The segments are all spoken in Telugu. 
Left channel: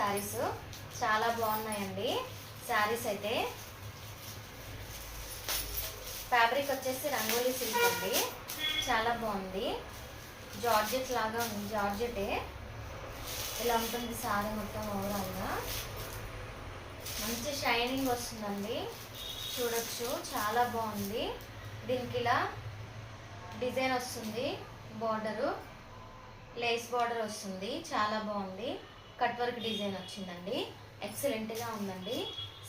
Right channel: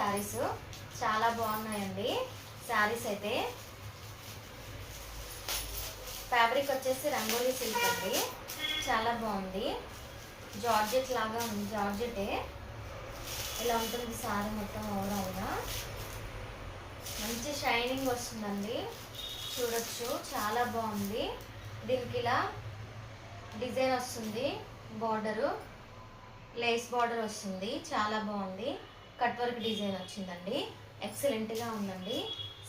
శారీస్ చాలా బాగున్నాయండి. శారీస్ అయితే ఫ్యాబ్రిక్ వచ్చేసి రంగోలీ సిల్క్ అండి, చాలా బాగుంది. జార్జెట్ లాగా ఉంది, జార్జెటే. ఇలా ఉంటుంది శారీ మొత్తం ఓవరాల్గా. మంచి షైనింగ్ వస్తుందండి, చూడొచ్చు. చాలా బాగుంది. దీనికి ఇలా డిజైన్ వస్తుంది, బార్డరు లేస్ బార్డర్ వస్తుంది, చాలా బాగుంది. కట్ వర్క్ డిజైన్ వచ్చిందండి, ఎక్సలెంట్గా ఉందండి.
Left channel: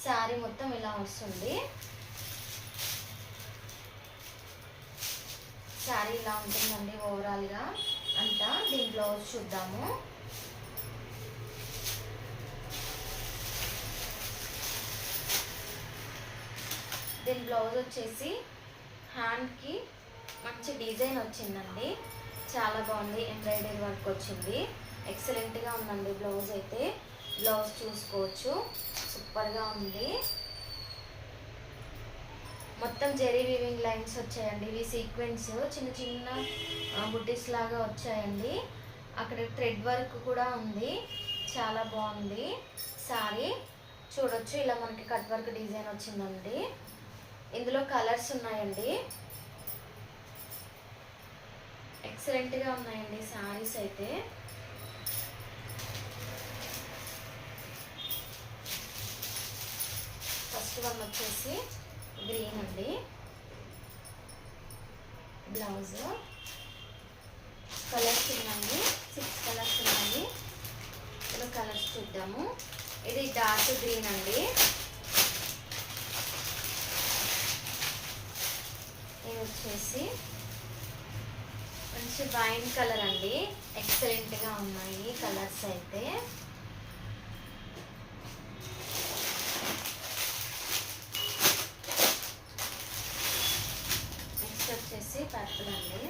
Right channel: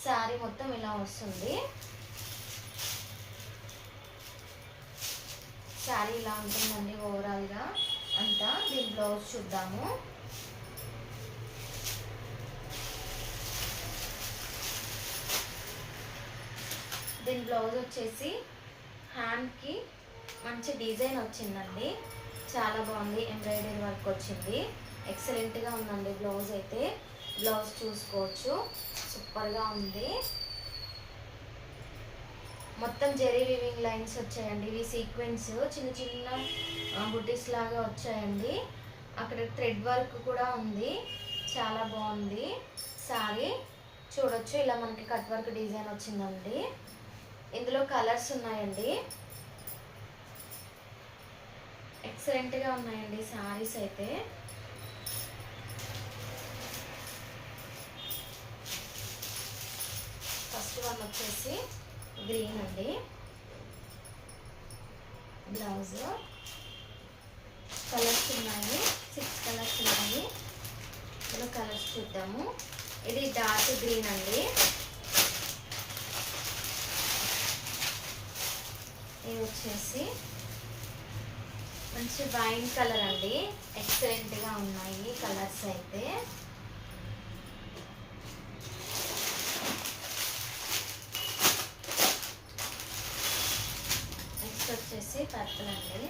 శారీ మొత్తం ఇలా వస్తుంది. శారీ ఇలా ఉంటుందండి ఓవరాల్గా అంతా. దీని బ్లౌజ్ చూద్దాము. దీని బ్లౌజ్ వచ్చేసి హ్యాండ్కి మంచి డిజైన్ వచ్చిందండి, చాలా బాగుంది. ఎంబ్రాయిడరీ వర్క్ వచ్చింది, ఎక్సలెంట్గా ఉందండి. బ్లౌజ్ అయితే బ్లౌజ్ చూసుకోవచ్చు, సూపర్గా ఉంది. మొత్తం జెరీ వీవింగ్ లైన్స్ వచ్చాయండి. ఇవి సీక్వెన్స్ చిన్న చిన్న బుటీస్ లాగా వచ్చాయండి. అక్కడ థ్రెడ్ వర్క్ కూడా ఉంది, చాలా బాగుంది. శారీ చూడొచ్చు, ఇలా మనకి కట్ వర్క్ డిజైన్ వచ్చిందండి. ఇందులో కలర్స్ ఉన్నాయండి, ఎక్సలెంట్గా ఉన్నాయండి శారీస్ అయితే. ఫస్ట్ వన్ వచ్చేసి గ్రీన్ అండి. బ్లౌజ్ కలర్స్ ఉన్నాయి, 6 కలర్స్ ఉన్నాయి. ఇందులో కలర్స్ చూద్దాము. ఇది డార్క్ గ్రీన్ అండి. ఇది వచ్చేసి మంచి వైన్ కలర్ అండి, ఎక్సలెంట్గా ఉన్నాయి కలర్స్ అయితే. నెక్స్ట్ వచ్చేసి పర్పుల్ అండి.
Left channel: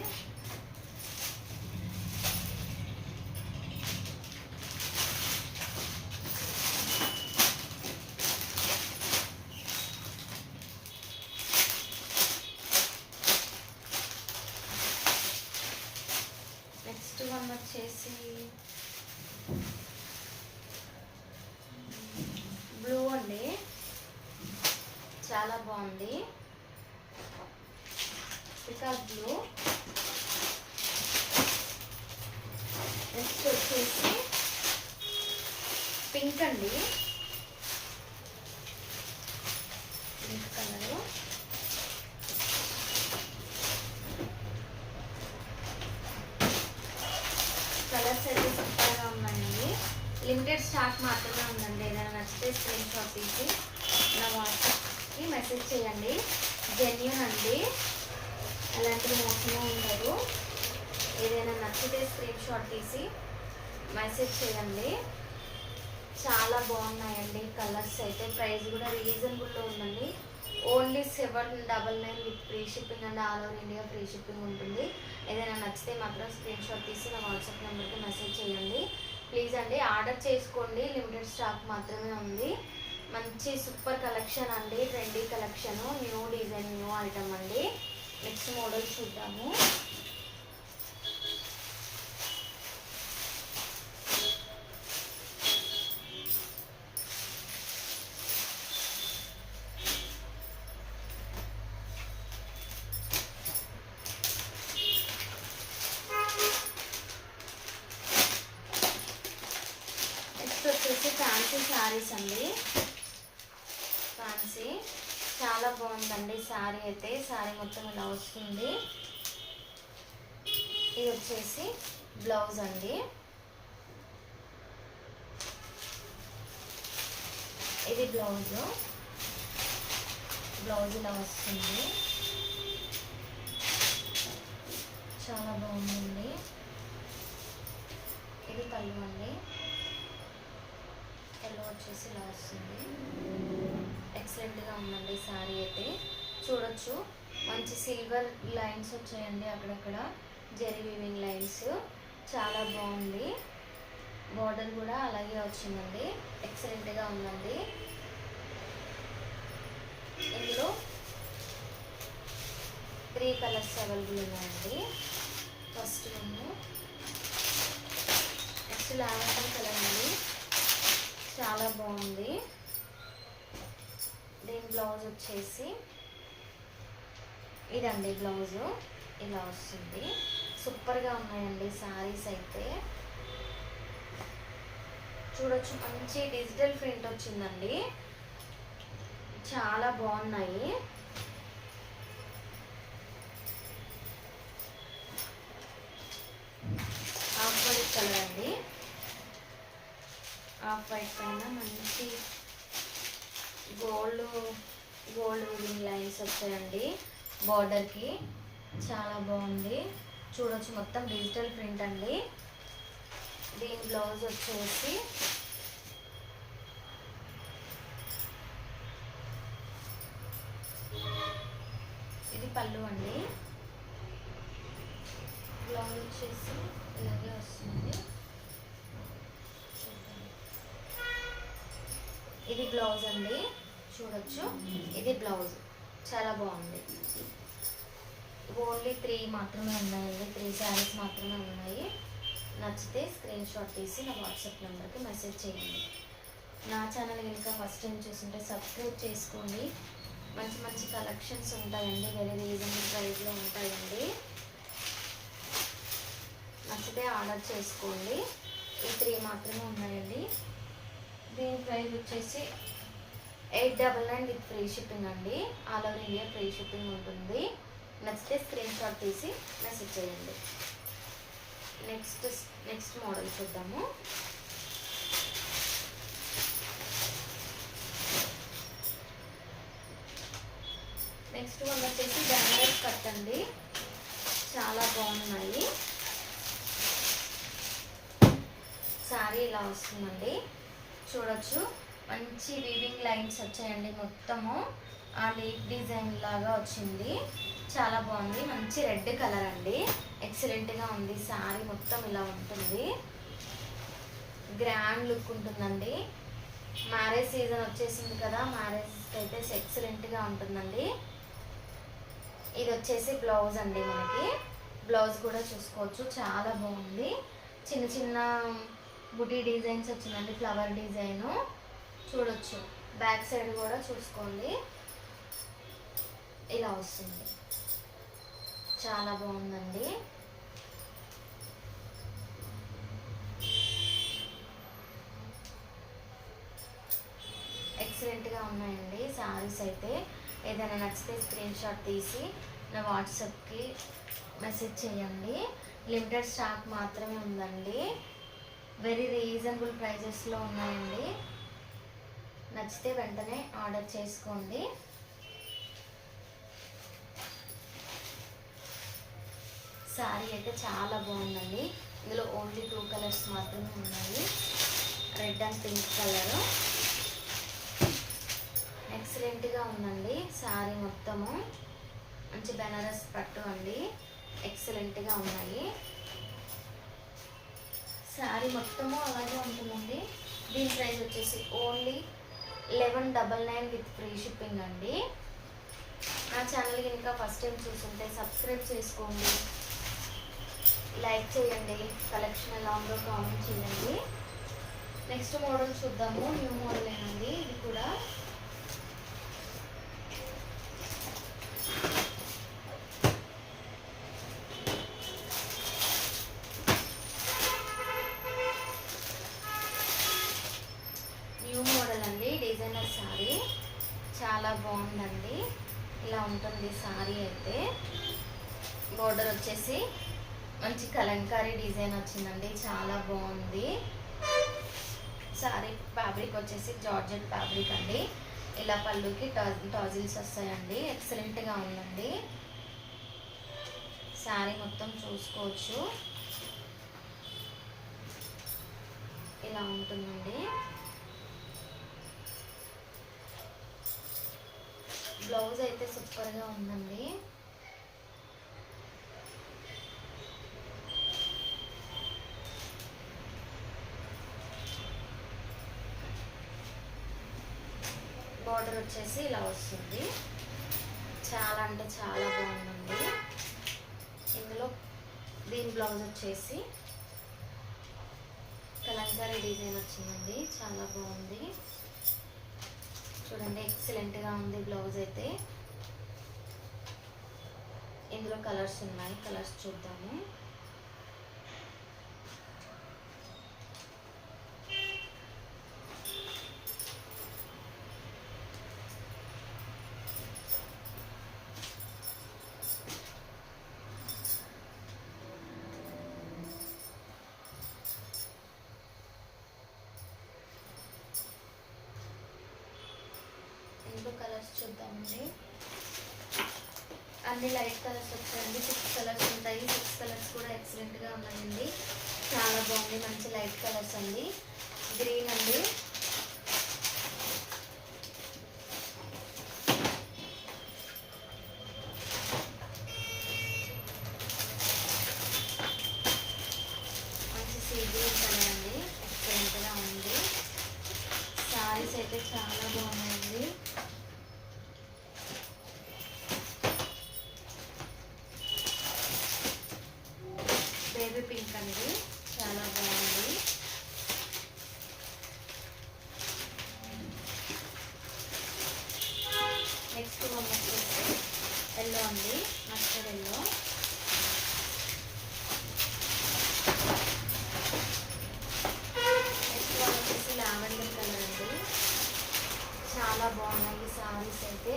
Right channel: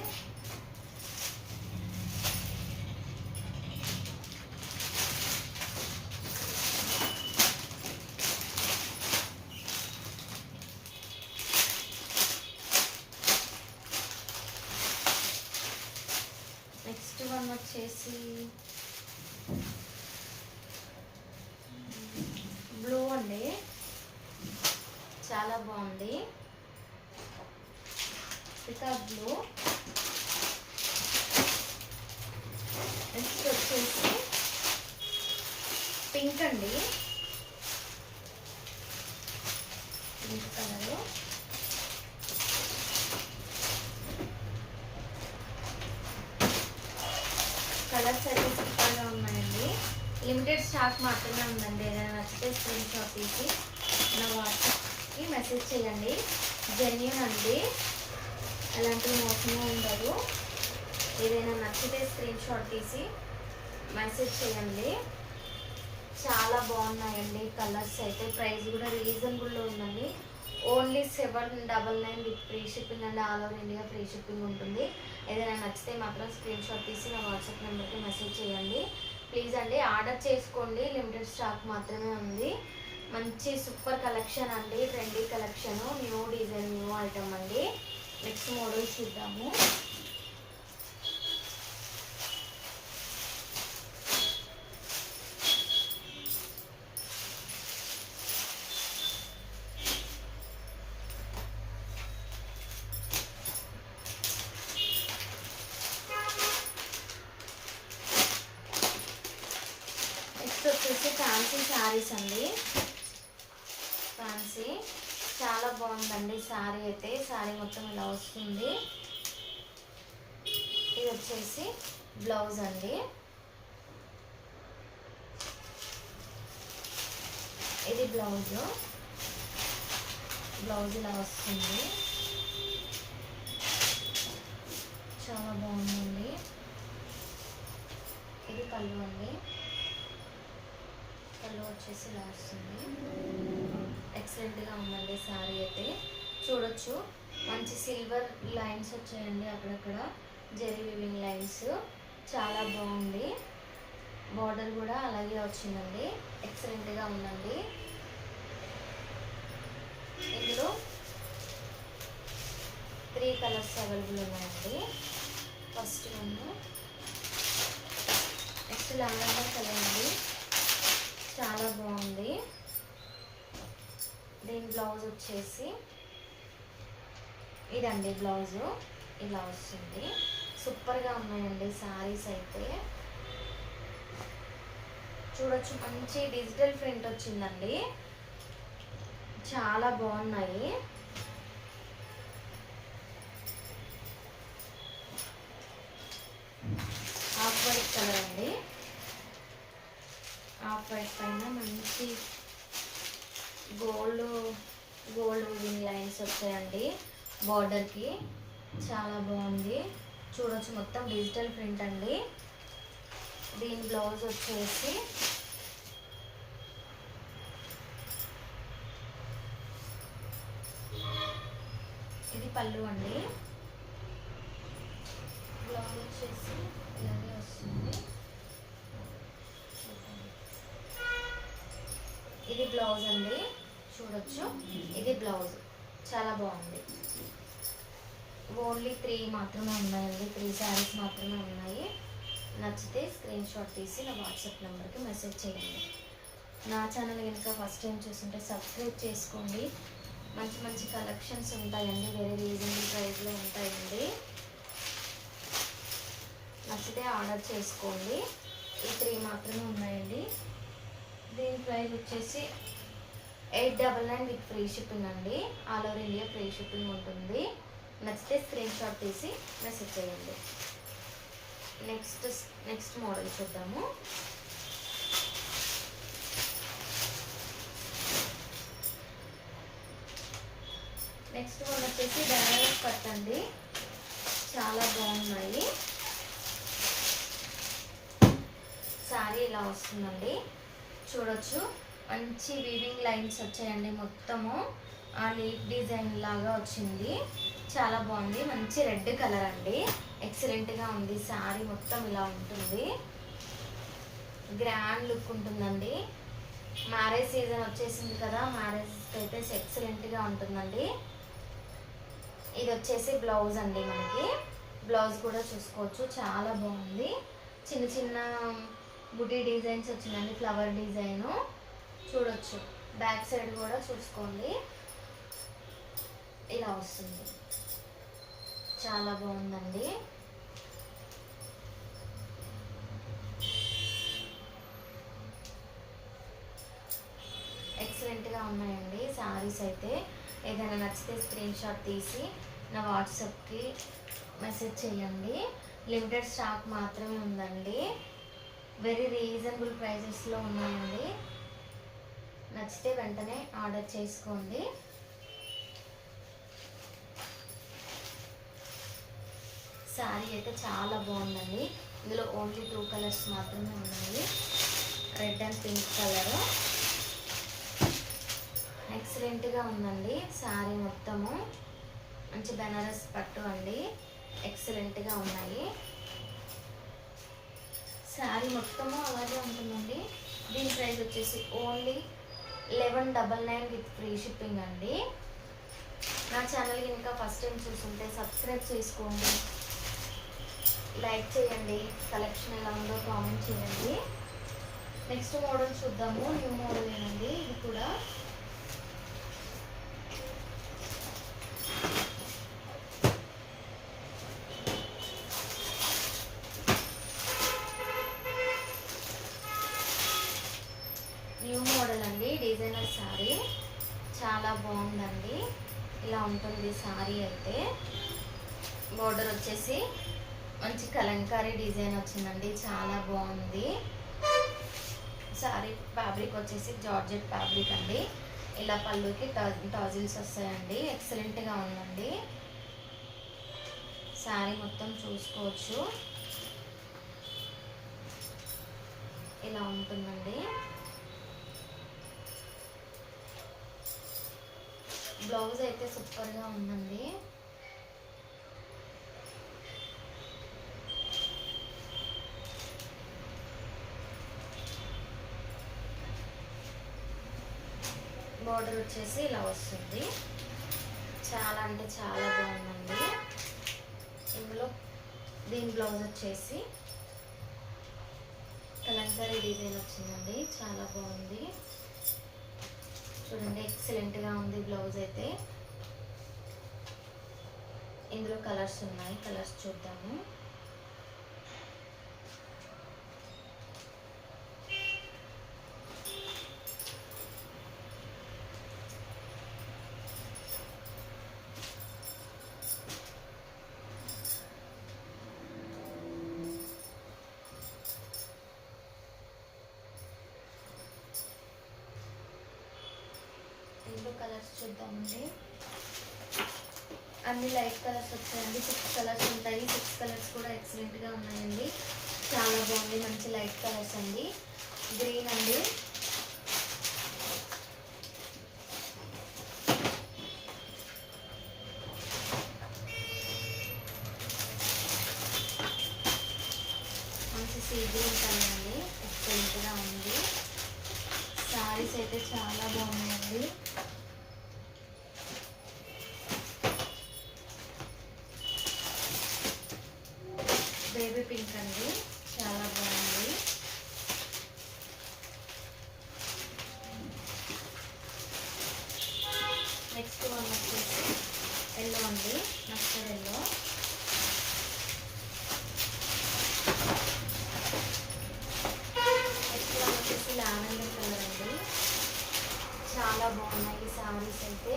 నెక్స్ట్ వన్ వచ్చేసి బ్లూ అండి, చాలా బాగుంది. Peacock blue. నెక్స్ట్ వచ్చేసి పింక్ అండి, పింక్ కలరు. కలర్స్ అయితే సూపర్గా ఉన్నాయండి. లిమిటెడ్ స్టాక్ మాత్రమే ఉందండి. ఏదైనా నచ్చితే స్క్రీన్ షాట్ తీసి నా వాట్సాప్కి మెసేజ్ చేయండి. జెన్యూన్ అండి, అలాంటివి మోసమే ఉండదు. ఏదైనా నచ్చితే స్క్రీన్ షాట్ తీసి మెసేజ్ చేయండి. చాలా బాగున్నాయండి కలర్స్ అయితే. ప్రైస్ కూడా రీజనబుల్లో ఉందండి. Only 799 with free shipping and all over India free shipping ఉంటుంది. ఏదైనా నచ్చితే మాత్రం స్క్రీన్ షాట్ తీసి నా వాట్సాప్ నెంబర్కి మెసేజ్ చేయండి ప్లీజ్ అండి. ఆర్డర్ చేసుకోండి, లిమిటెడ్ స్టాక్ మాత్రమే ఉంది. మంచి సూపర్ కలెక్షన్ అండి, trendy collection, new design, new item అండి. నెక్స్ట్ మోడల్ చూద్దాము. వచ్చేసి ఫ్యాన్సీ శారీస్ అండి. ఫ్యాన్సీ చాలా బాగుందండి శారీ అయితే. శారీ మొత్తం ఇలా వస్తుంది. ఇది వచ్చేసి బ్లౌజ్ అండి. ఇది బ్లౌజ్ ఇలా వస్తుంది, చాలా బాగుందండి. ఇది పళ్ళు అండి. పళ్ళు వచ్చేసి ఇలా వస్తుంది, ఎక్సలెంట్గా ఉందండి శారీ అయితే. చూడొచ్చు మంచి సిల్వర్ లైన్స్ వచ్చాయండి, అక్కడక్కడ జెరీ వీవింగ్ లైన్స్, చాలా బాగుంది. బార్డర్ కూడా అలాగే వచ్చిందండి, ఎక్సలెంట్గా ఉందండి. ఇందులో 3 కలర్స్ అవైలబుల్ ఉన్నాయండి. First one next lavender colour అండి. బాగుంది. దీని బ్లౌజ్ వచ్చేసి ఇదండి. బ్లౌజు ఇలా వస్తుంది. సూపర్గా ఉన్నాయండి శారీస్ అయితే. చూడొచ్చు, మంచి డిజిటల్ ప్రింట్ వచ్చిందండి. చాలా బాగున్నాయి. ఆఫ్ వైట్ కలర్ అండి. ఆఫ్ వైట్ పైన మంచి గోల్డ్ వీవింగ్ లైన్స్ వచ్చాయండి బార్డర్కి. చాలా బాగుంది. చూడొచ్చు, మొత్తం డిజిటల్ ప్రింట్ అండి. దీని బ్లౌజ్ వచ్చేసి ఇది పళ్ళు అండి. బ్లౌజ్ వచ్చేసి ఇలాగే వస్తుంది. ఇది బ్లౌజ్ అండి. చూడొచ్చు, ఇది బ్లౌజ్. చాలా బాగుంది. ఓన్లీ 3 మాత్రమే ఉన్నాయండి. 3 శారీస్ మాత్రమే ఉన్నాయి. నచ్చితే స్క్రీన్ షాట్ తీసి నా వాట్సాప్ నెంబర్కి మెసేజ్ చేయండి. నా ఛానల్ కనుక ఫస్ట్ టైం చూస్తుంటే సబ్స్క్రైబ్ చేసుకోండి. మంచి మంచి కలెక్షన్స్ ఉంటాయండి. వెరీ రీజనబుల్ ప్రైస్లో ఉంటాయండి. నచ్చితే ఆర్డర్ చేసుకోండి. ఈ 3 మాత్రమే ఉన్నాయండి. దీని ప్రైస్ వచ్చేసి 899 విత్ ఫ్రీ షిప్పింగ్ అండి. All over India free shipping ఉంటుంది. నచ్చితే స్క్రీన్ షాట్ తీసి మెసేజ్ చేయండి. నెక్స్ట్ మోడల్ చూద్దాము. నెక్స్ట్ వన్ వచ్చేసి బెనారస్ కట్ అండి. చాలా బాగున్నాయి. శారీ ఇలా వస్తుందండి. చూడొచ్చు, మంచి వీవింగ్ లైన్స్ వచ్చాయండి. మొత్తము ఆ లీఫ్ డిజైన్ లాగా వచ్చింది. చాలా బాగుంది. మంచి రెడ్ కలర్ అండి. ఎక్సలెంట్గా ఉంది. శారీ మొత్తం ఇలా ఉంటుంది. గ్రాండ్ లుక్ ఉంటుందండి. మ్యారేజ్ సీజన్ వచ్చేసింది కదా, మ్యారేజ్కి అయితే ఎక్సలెంట్గా ఉంటుందండి. ఇది వచ్చేసి బ్లౌజ్ అండి. మనకి బ్లౌజ్ కూడా చూసుకోవచ్చు. చాలా బాగుంది. చిన్న చిన్న బుటీ డిజైన్స్ వచ్చిందండి. ఫ్లవర్ డిజైను చూడొచ్చు. బ్యాక్ సైడ్ కూడా చూసుకోండి, ఇలా వస్తుంది. చాలా బాగుందండి. ఎక్సలెంట్గా ఉన్నాయండి శారీస్ అయితే. ఏదైనా నచ్చితే స్క్రీన్ షాట్ తీసి నా వాట్సాప్కి మెసేజ్ చేయండి. లిమిటెడ్ స్టాక్ మాత్రమే ఉందండి. వెరీ రీజనబుల్ ప్రైజెస్లో ఉన్నాయండి. నచ్చితే వెంటనే ఆర్డర్ చేసుకోండి. శారీ అయితే చాలా బాగుందండి. ఇందులో ఓన్లీ 2 కలర్స్ మాత్రమే ఉన్నాయి. Red and pink colour. ఎక్సలెంట్గా ఉందండి శారీ మొత్తము. మంచి బెనారస్ పట్టు అండి. ఎక్సలెంట్గా ఉన్నాయి. శారీ మొత్తము అలాగే ఉంటుందండి. దీని ప్రైస్ వచ్చేసి ఓన్లీ 1199 విత్ ఫ్రీ షిప్పింగ్ అండి. నా ఛానల్ కనుక ఫస్ట్ టైం చూస్తుంటే సబ్స్క్రైబ్ చేసుకోండి, లైక్ చేయండి, కలెక్షన్ ఎలా ఉందో కామెంట్ చేయండి. నెక్స్ట్ మోడల్ చూద్దాము. న్యూ మోడల్ ఏనండి. ఇది కూడా న్యూ మోడల్ అండి. డిజైనర్ శారీ చాలా బాగుందండి. ఇలా ఉంటుంది శారీ అయితే. బోర్డర్ వచ్చేసి మంచి కలంకారీ డిజైన్ వచ్చిందండి. చాలా బాగుంది. శారీ ఫ్యాబ్రిక్ వచ్చేసి జార్జెట్ ఫ్యాబ్రిక్ అండి. ఇలా పళ్ళుకి టాజిల్స్ వస్తాయండి. ఎక్సలెంట్గా ఉందండి. శారీ మొత్తం చూసుకోవచ్చు, ఇలా ఉంటుందండి. బ్లౌజ్ అయితే సూపర్గా ఉందండి. బార్డర్ వచ్చేసి ఇలా వస్తుంది. చాలా అంటే చాలా బాగుందండి. ఇందులో దీని బ్లౌజ్ వచ్చేసి కలంకారీ కలంకారీ డిజైన్ వచ్చిందండి, చాలా బాగుంది చూడండి, ఎక్సలెంట్గా ఉంది బ్లౌజ్ అయితే. ఇందులో కలర్స్ ఉన్నాయి, కలర్స్ చూద్దాము. ఇందులో కలర్స్ చూద్దామండి. అన్ని లైట్ కలర్స్ వచ్చాయండి, 6 కలర్స్ ఉంటాయి. 6 కలర్స్ కూడా ఎక్సలెంట్గా ఉన్నాయండి, చాలా బాగుంది. మంచి లైట్ కలర్స్ అండి. గ్రీన్ అండి, మంచి సీ గ్రీన్ కలర్ అండి, ఎక్సలెంట్గా ఉంది. శారీస్ అయితే చాలా బాగున్నాయండి. బేబీ పింక్ అండి, చాలా బాగుంది. నెక్స్ట్ వన్ వచ్చేసి ఎల్లో అండి, మస్టర్డ్ ఎల్లో. నెక్స్ట్ వన్ వచ్చేసి లావెండర్ కలర్ అండి, చాలా బాగున్నాయి శారీస్ అయితే.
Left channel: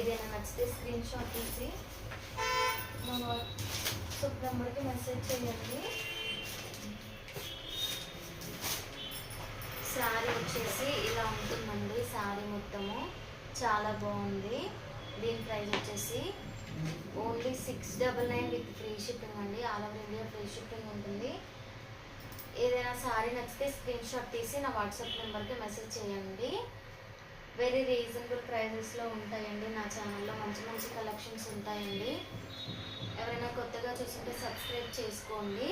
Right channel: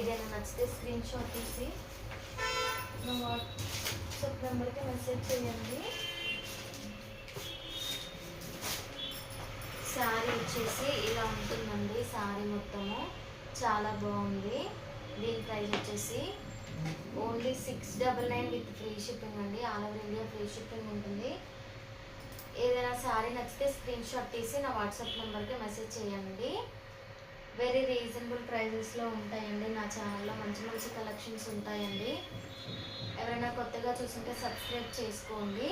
ఏదైనా నచ్చితే స్క్రీన్ షాట్ తీసి వాట్సాప్ నెంబర్కి మెసేజ్ చేయండి. శారీ వచ్చేసి ఇలా ఉంటుందండి, శారీ మొత్తము చాలా బాగుంది. దీని ప్రైస్ వచ్చేసి ఓన్లీ 699 విత్ ఫ్రీ షిప్పింగ్ అండి, all over India free shipping ఉంటుంది. ఏదైనా శారీ నచ్చితే స్క్రీన్ షాట్ తీసి నా వాట్సాప్ నెంబర్కి మెసేజ్ చేయండి. వెరీ రీజనబుల్ ప్రైజెస్లో ఉంటాయండి, నా ఛానల్లో మంచి మంచి కలెక్షన్స్ ఉంటాయండి. ఎవరైనా కొత్తగా చూస్తుంటే సబ్స్క్రైబ్ చేసుకోండి.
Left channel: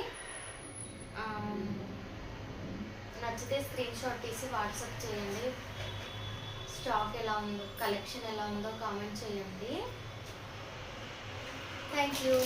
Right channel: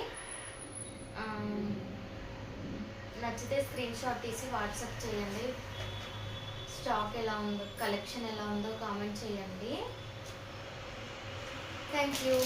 నచ్చితే స్క్రీన్ షాట్ తీసి వాట్సాప్ చేయండి. స్టాక్ ఎలా ఉందో, కలెక్షన్ ఎలా ఉందో కామెంట్ చేయండి. Thank you.